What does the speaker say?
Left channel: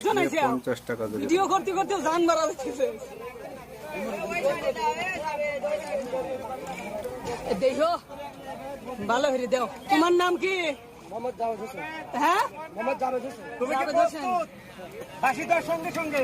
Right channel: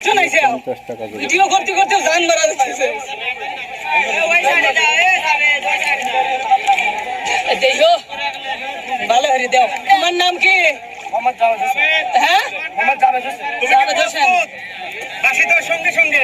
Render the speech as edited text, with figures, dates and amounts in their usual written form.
50 টাকা করে ভিডিও করতে করতে জান মারা যাচ্ছে। দেখো ভালো হরি দেও। তোমার নাম কি? মোহাম্মদ জাভেদ হোসেন। হ্যাঁ মোহাম্মদ জাভেদ হোসেন। জাভেদ হোসেন। ফাঁসি দেওয়ার সঙ্গে সঙ্গে